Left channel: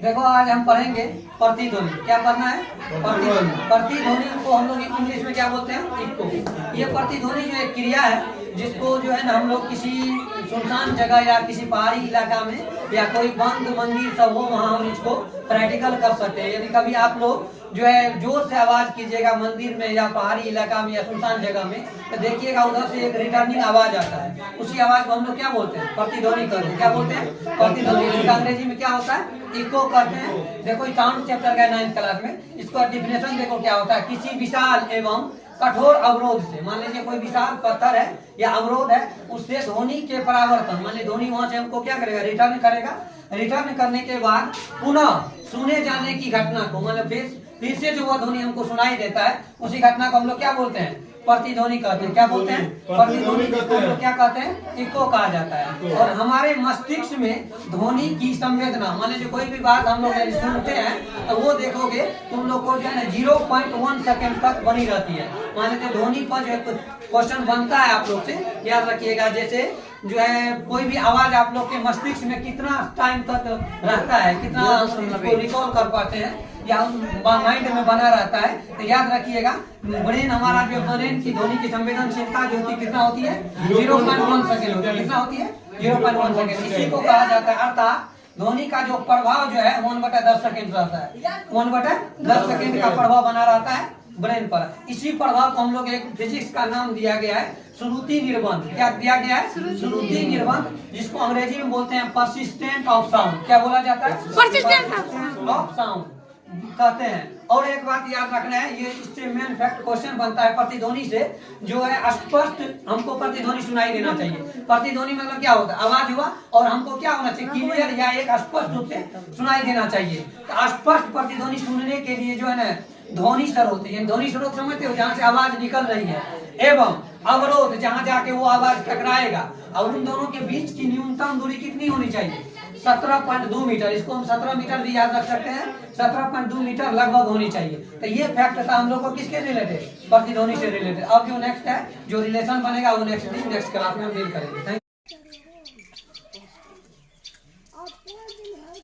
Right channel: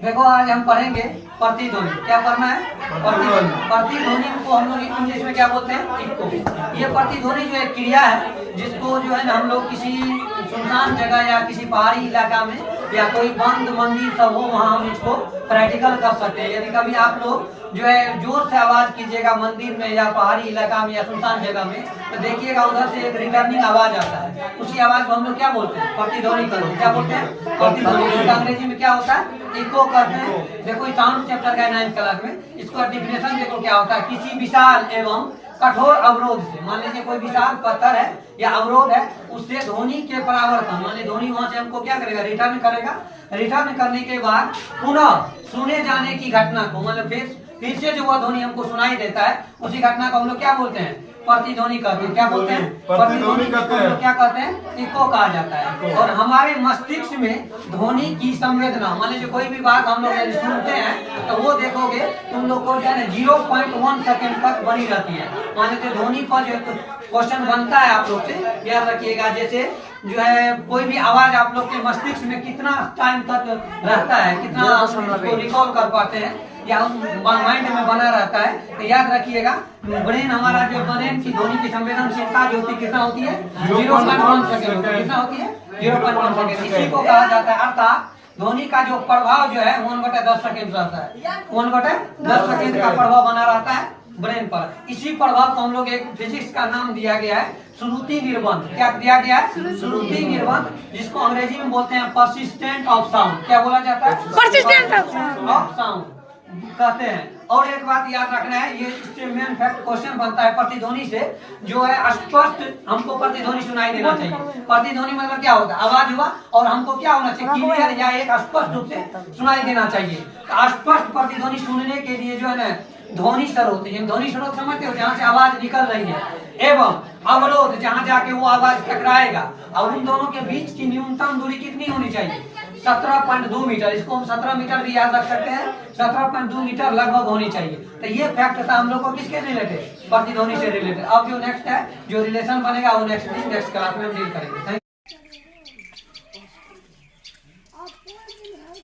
देखो आज हम पढ़ेंगे प्रतिध्वनि। क्या पढ़ना है? प्रतिध्वनि। प्रतिध्वनि को हम लोग इंग्लिश में क्या बोलते हैं? इको। ये प्रतिध्वनि जो एक क्रिया है जिसको जो है ना हम लोग किसी सुनसान जगह या किसी पहाड़ी इलाका में या कोई बंद मंदिर सब हो वहाँ हम इसको प्रैक्टिकल कर सकते हैं। यदि कभी आप लोग जो है जोर से आवाज कीजिएगा मंदिर में या पहाड़ी इलाका में या सुनसान जगह में, तो देखिएगा उधर से एक रिटर्निंग आवाज आता है। उसी आवाज को हम लोग क्या बोलते हैं? प्रतिध्वनि करते हैं। क्या बोलते हैं? प्रतिध्वनि। अंग्रेजी में क्या होता है? इको करते हैं। देखो साउंड चैप्टर का 9th क्लास में इसका डिफिनेशन देखो क्या होता है। किसी विशाल एवं कठोर अवरोध से, मान लीजिए कोई विशाल पत्थर है या अवरोध है, उससे ध्वनि के परावर्तन, मान लीजिए ध्वनि वहां से हमको क्या करेगा? रिटर्न करेगा। रिटर्न करने के बाद पुनः सुने जाने की घटना को, मतलब फिर से जो वह ध्वनि हमको सुनाई देता है उसी घटना को हम लोग क्या बोलते हैं? प्रतिध्वनि कहते हैं। क्या बोलते हैं? प्रतिध्वनि कहते हैं। क्या कहते हैं? इको कहा जाता है। और हमारे मस्तिष्क में ध्वनि की संवेदना, मान लीजिए कोई भी बात हम लोग यदि सुनते हैं तो वो देखोगे तुम लोग को जो है 0.1 सेकेंड तक बनी रहती है। मान लीजिए ध्वनि पर जो क्वेश्चन बनता है आप लोग से, याद रखिएगा। जैसे जो है कोई भी आवाज आप लोग के मस्तिष्क में कितना टाइम तक रहता है, कितना उसको रिकॉल कर पाते हैं या माइंड में बना रहता है, तो याद रखिएगा ब्रेन, हमारा जो ब्रेन की ध्वनि की संवेदनशीलता जो होती है कितना होती है? 0.1 सेकेंड। कितना होती है? 0.1 सेकेंड। इसी को कहा जाता है, अर्थात ध्वनि का जो प्रभाव जो है 1/10 सेकेंड रहता है। 1/10 सेकेंड का प्रभाव बना रहता है ब्रेन पर। इसी प्रभाव को हम लोग एक फिजिक्स का नाम दिया गया है श्रुति निर्बंध। क्या दिया गया है? श्रुति निर्बंध, जिसको अंग्रेजी में बोलते हैं परसिस्टेंट ऑफ साउंड। क्या बोला जाता है? परसिस्टेंट ऑफ साउंड कहते हैं। और एक बात याद रखना है, ये इससे मेन फैक्ट क्वेश्चन बनता है प्रतिध्वनि से जो है स्पष्ट हमको प्रतिध्वनि सुनाई देना चाहिए। प्रतिध्वनि मतलब क्या होता है? आवाज हुआ और हमको क्या होना चाहिए? क्लियर या एक स्पष्ट रूप से सुनाई देना चाहिए। तो स्पष्ट प्रतिध्वनि सुनने के लिए जो है ना ध्वनि स्रोत, ध्वनि स्रोत समझते हो, जहाँ से आवाज निकल रही है, एवं अवरोध जहाँ जाके वो आवाज टकराएगा, और उन दोनों के बीच की न्यूनतम दूरी कितनी होनी चाहिए? 17.2 मीटर। इसको हम 17 मीटर भी याद रख सकते हैं। 17.2 मीटर लगभग होनी चाहिए। तो ये फैक्ट था हम लोग को किसके रिलेटेड? प्रतिध्वनि से रिलेटेड। अब जो नेक्स्ट है, जो रिलेशन बनेगा वो नेक्स्ट क्लास में हम डील करेंगे।